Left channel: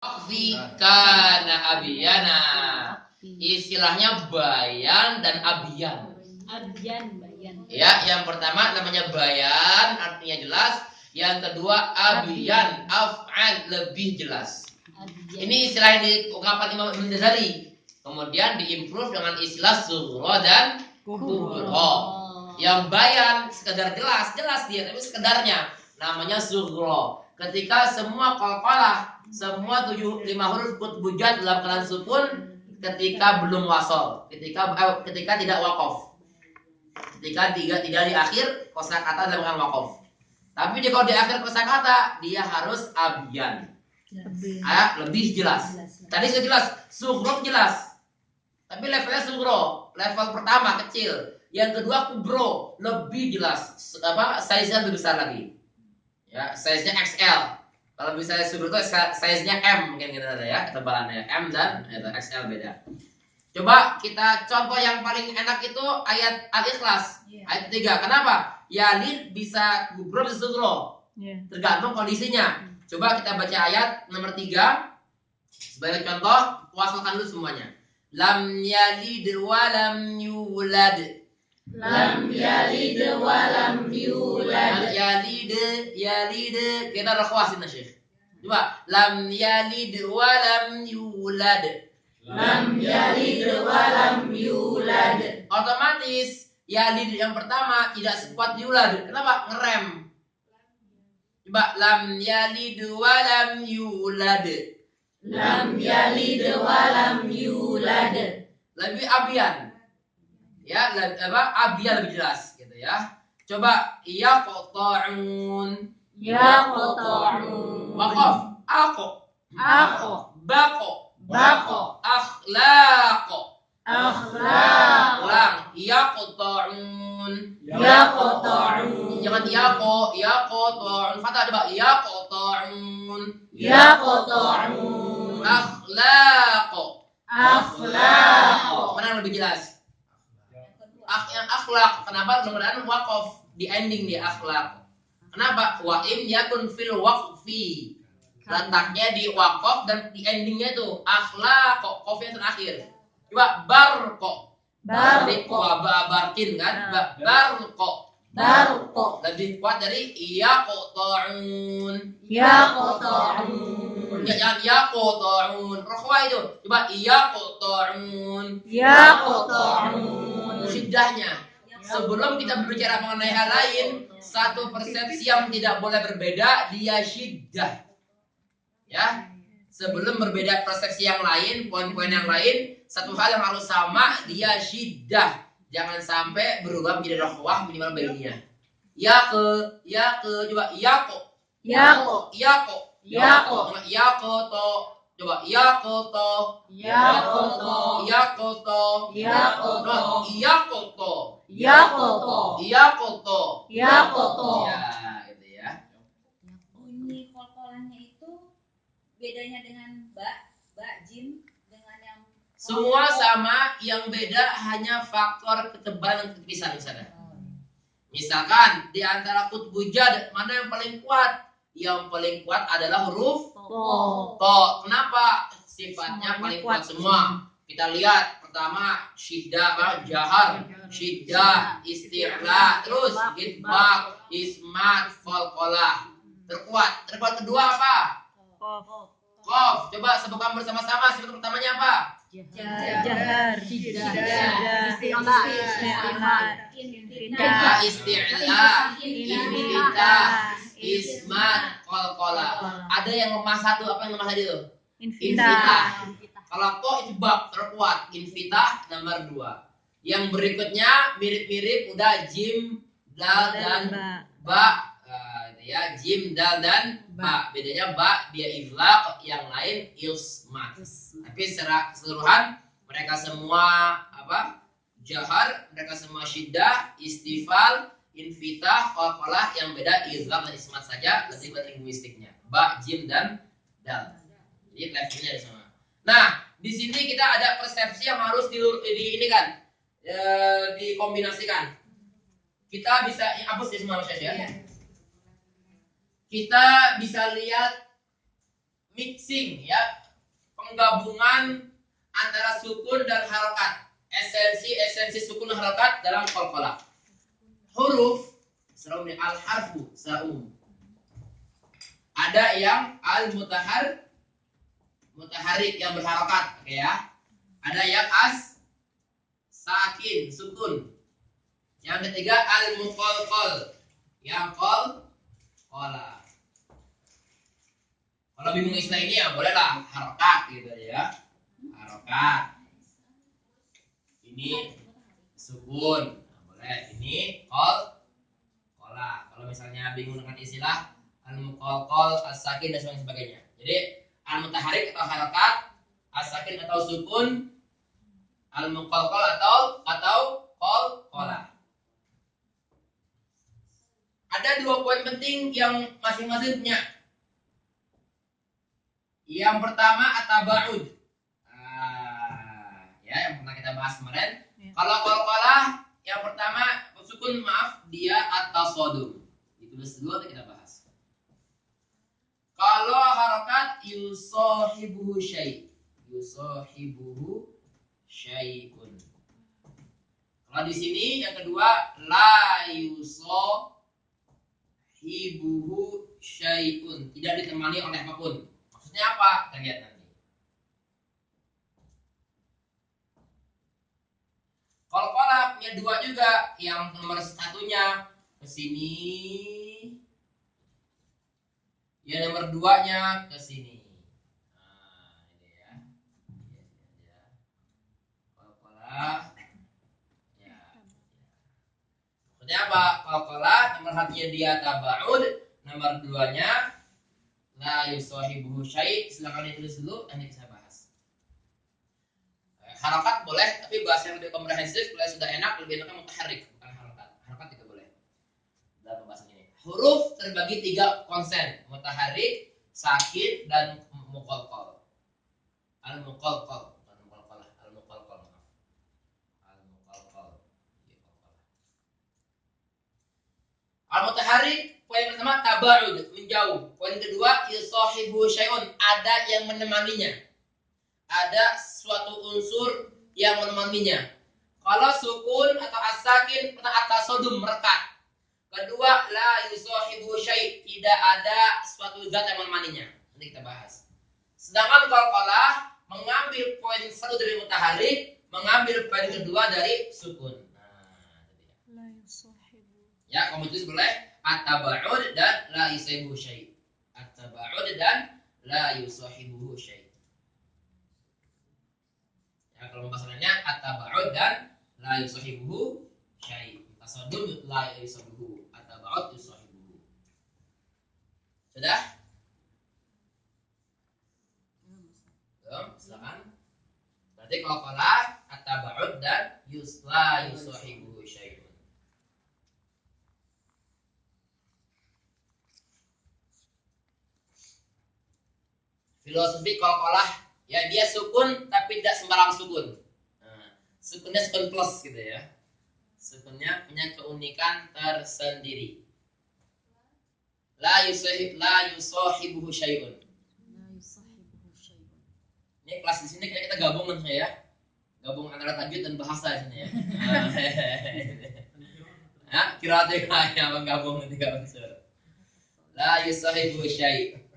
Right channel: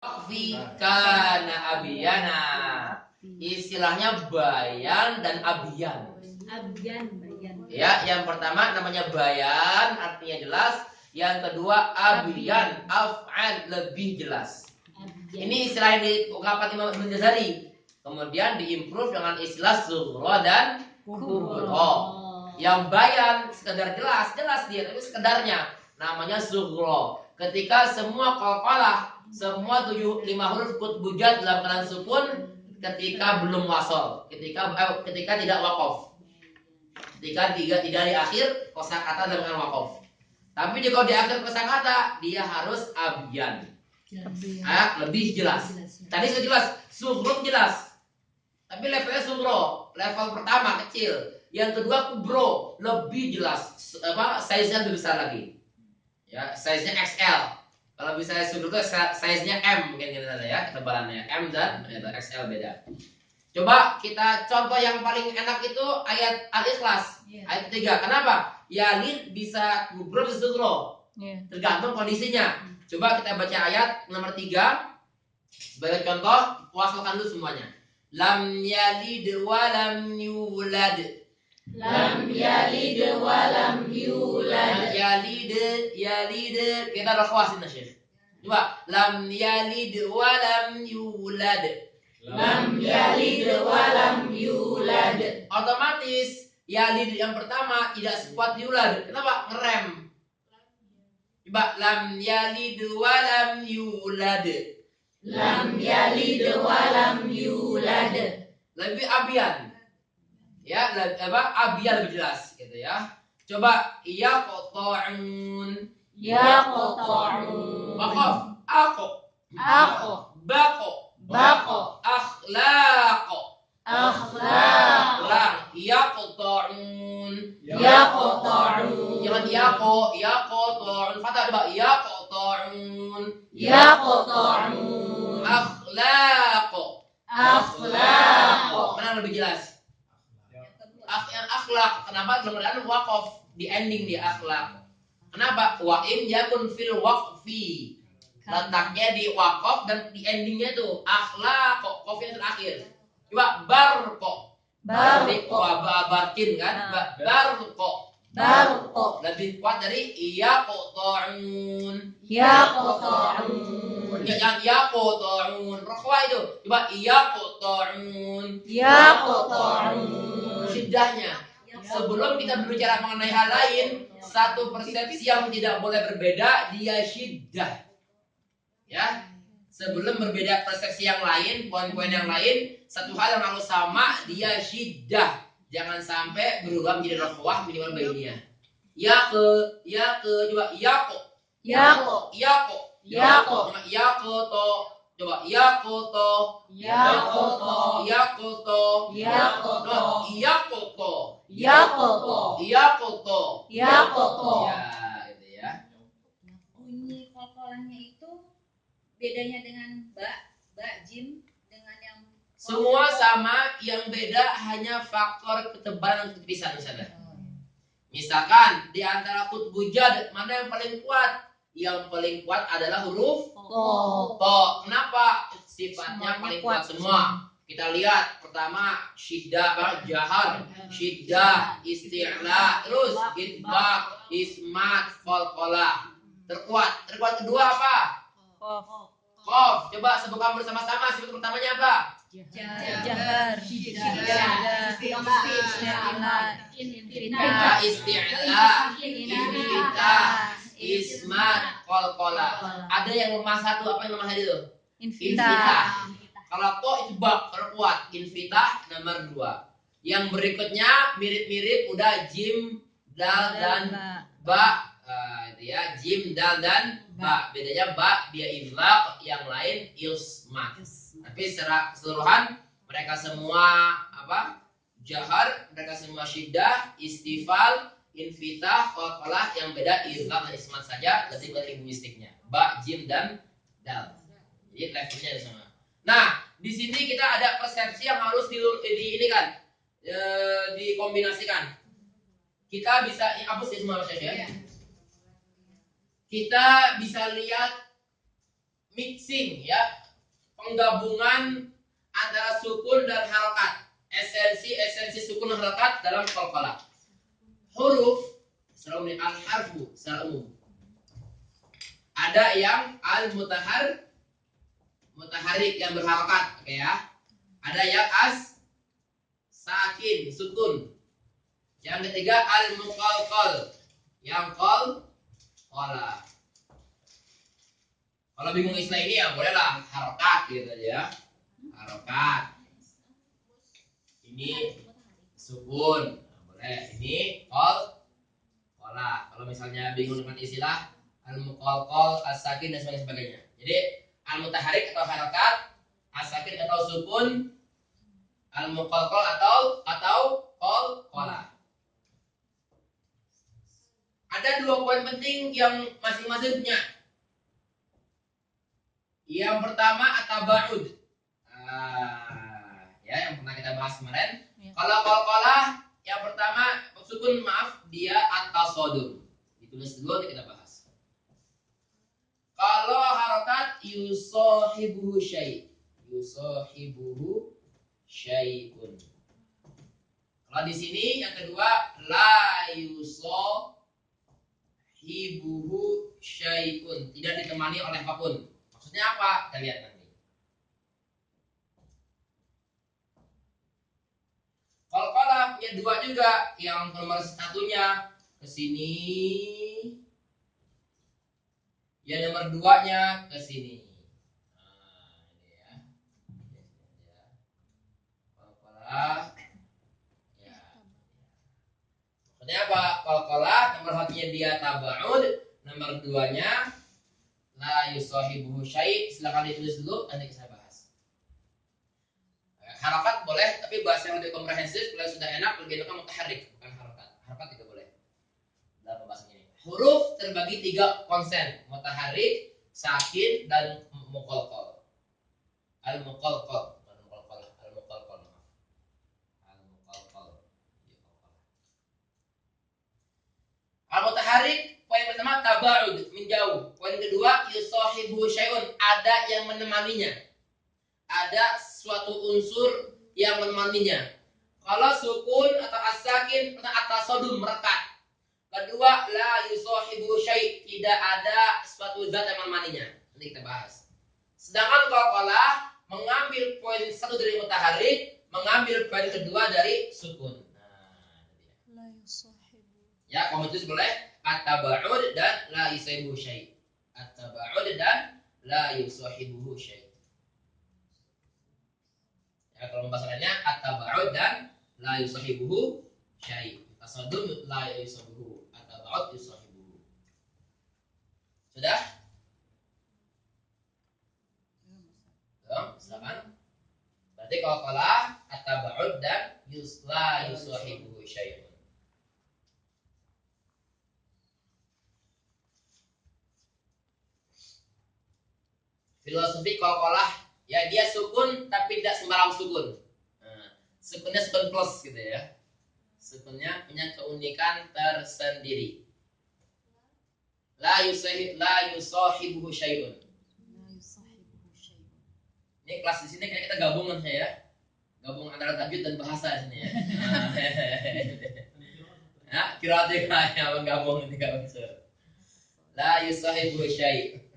Fi kana abiyana. Istilahnya bayan dan abiyan. Bayan. Ya, yang pertama namanya bayan, artinya jelas. Yang kedua abiyan, af'al, lebih jelas. Ini istilah yang diungkapkan Imam Ibnu Jazari. Kemudian diimprove dengan istilah sughra dan kubra. Yang bayan sekedar jelas dia, tapi sekedarnya namanya sughra. Ketika semua qalqalah, semua 5 huruf kutbujat dalam keadaan sukun ketika belum wasol, ketika tidak wakaf. Ketika tidak di akhir kosakata dalam keadaan wakaf. Tapi jika di akhir kosakata dia harus abiyan. Lebih jelas. Tadi sudah jelas, sughra jelas. Tapi levelnya sughra, level pertama kecil. Yang kedua kubro, lebih jelas. Size-nya lebih besar lagi. Ya, size-nya XL. Kalau misalnya sughra itu size-nya M mungkin gitu ya, ketebalannya M dan XL beda. Coba kita contoh yang paling enak itu ayat Al-Ikhlas. Ayat 3. Kenapa? Yalid bisa kubro bisa sughra. Tergantung kondisinya. Coba kita baca ayat nomor 3. Sebagai contoh, wasalkan dulu semuanya. Lam yalid wa lam yulad. Lam yalid wa lam yulad. Yalid. Kita rakwasin Syekh. Coba lam yalid wa lam yulad. Lam yalid wa lam yulad. Otomatis yalid yang pertama tidak sekuat yulad. Kenapa? Ngerem. Coba lam yalid wa lam yulad. Lam yalid wa lam yulad. Lebih abiyan. Ya, abiyan lebih jelas gitu ya. Coba yaqta'un. Yaqta'un. Waqaf. Ako. Bako. Akhlaq. Ulang. Yaqta'un. Jangan yaqta'un. Fathah coba yaqta'un. Akhlaq. Mana lebih jelas? Akhlak. Kenapa? Mudah-mudahan waqaf di ending dia akhlak. Kenapa? Wa im yakun fil waqfi. Letaknya di waqaf dan di endingnya itu akhlaq, qafnya terakhir. Coba barqo. Barkin kan? Barqo. Lebih kuat dari yaqta'un. Yang yaqta'un. Rakhwa itu. Coba yaqta'un. Syiddahnya. Sebelum kita berbicara mengenai hal lain, satu persepsi yang tidak boleh berbeda, dia syiddah. Ya. Sebelum berbeda persepsi yang lain, poin-poin yang lain, satu hal yang harus sama, dia syiddah. Jangan sampai berubah menjadi rakhwah minimal bainiyah. Coba yaqo. Coba yakoto. Ya, itu ya. Bunyi kolkolahnya itu bedanya dengan jim dengan yang semua sama, yang beda hanya faktor ketebalan dan ketipisan misalnya. Misalkan di antara kutbujad mana yang paling kuat? Yang paling kuat adalah huruf to. Kenapa? Sifatnya paling kuat semua. Kita lihat pertama syiddah, jahar, syiddah, isti'la, terus gitbak, ismat, qalqalah. Terkuat kedua apa? Qaf. Coba sebutkan bersama-sama sifat pertamanya apa? Jahar. Isti'la, infitah, ismat, qalqalah. Ada yang lemah satu, apa yang lemah tadi itu? Infitah. Kalau ko itu bab terkuat, infitah nomor 2. Yang berikutnya mirip-mirip udah jim, dal dan ba. Itu ya, jim, dal dan ba. Bedanya ba dia izlaq, yang lain ismat. Tapi secara keseluruhan mereka semua apa? Jahar, mereka semua syiddah, istifal, infitah, qalqalah, yang beda izlaq dan ismat saja, lebih linguistiknya. Ba, jim dan dal. Jadi levelnya ada sama. Nah, di sini kita ada persepsi yang harus dikombinasikan. Kita bisa hapus ya semua ya. Kita bisa lihat mixing ya, penggabungan antara sukun dan harokat, esensi sukun dan harokat dalam qalqalah. Huruf secara umum, al-harfu secara umum. Ada yang mutaharik yang berharokat, oke ya. Ada yang sakin, sukun. Yang ketiga al-muqalqal, yang qala. Kalau bingung istilah ini ya bolehlah harokat gitu ya. Harokat. Ini sukun. Nah, boleh. Ini qala. Kalau misalnya bingung dengan istilah al-muqalqal, as-sakin dan sebagainya. Jadi al-mutaharik atau harokat, as-sakin atau sukun, al-muqalqal atau qala. Ada 2 poin penting yang masing-masing punya. Yang pertama at-tabaud. Ya, yang pernah kita bahas kemarin. Ya. Kalau qalqalah yang pertama sukun, dia at-tasadum. Ditulis dulu nanti kita bahas. Kalau harokat yusahibuhu syai'un. Kalau di sini yang kedua la yusahibuhu syai'un, tidak ditemani oleh apapun. Maksudnya apa? Kita lihat nanti. Qalqalah punya 2 juga. Yang nomor 1-nya ke sini, yang nomor 2-nya ke sini. Nah, ini ya. Qalqalah. Ya. Maksudnya apa? Qalqalah nomor 1-nya dia tabaud, nomor 2-nya la yusahibuhu syai'. Silakan ditulis dulu, nanti kita bahas. Harokat boleh, tapi bahasa yang lebih komprehensif, kalau sudah enak, lebih enaknya mutaharrik, bukan harokat. Harokat juga boleh dalam pembahasan ini. Huruf terbagi 3 konsen, mutaharrik, sakin, dan muqalqal. Al-muqalqal, bukan muqalqalah, al-muqalqal, maaf. Al-muqalqal. Al-mutaharrik, poin pertama tabaud, menjauh. Poin kedua yusahibu syai'un, ada yang menemaninya. Ada suatu unsur yang menemaninya. Kalau sukun atau as-sakin atau at-tasadum, merekat. Kedua la yusahibu syai', tidak ada suatu zat yang menemaninya. Nanti kita bahas. Sedangkan qalqalah mengambil poin 1 dari mutaharrik, mengambil poin kedua dari sukun. La yusahibu. Ya, kamu tulis boleh at-tabaud dan la yusahibu syai'. At-tabaud dan la yusahibu syai'. Ya, kalau pembahasannya at-tabaud dan la yusahibu syai'. Tasadum la yusahibu, at-tabaud yusahibu. Sudah? Belum? Silakan. Berarti kalau qala at-tabaud dan la yusahibu syai'un. Filosofi qalqalah, ya dia sukun tapi tidak sembarang sukun. Sukunnya sukun plus gitu ya. Sukunnya punya keunikan tersendiri. La yusahibuhu syai'un. La yusahibu syai'un. Ini kelas di sini kayak kita gabung kan ya. Gabung antara tajwid dan bahasa di sini ya. Kira-kira yang menggabung 3 unsur. La yusahibuhu syai'.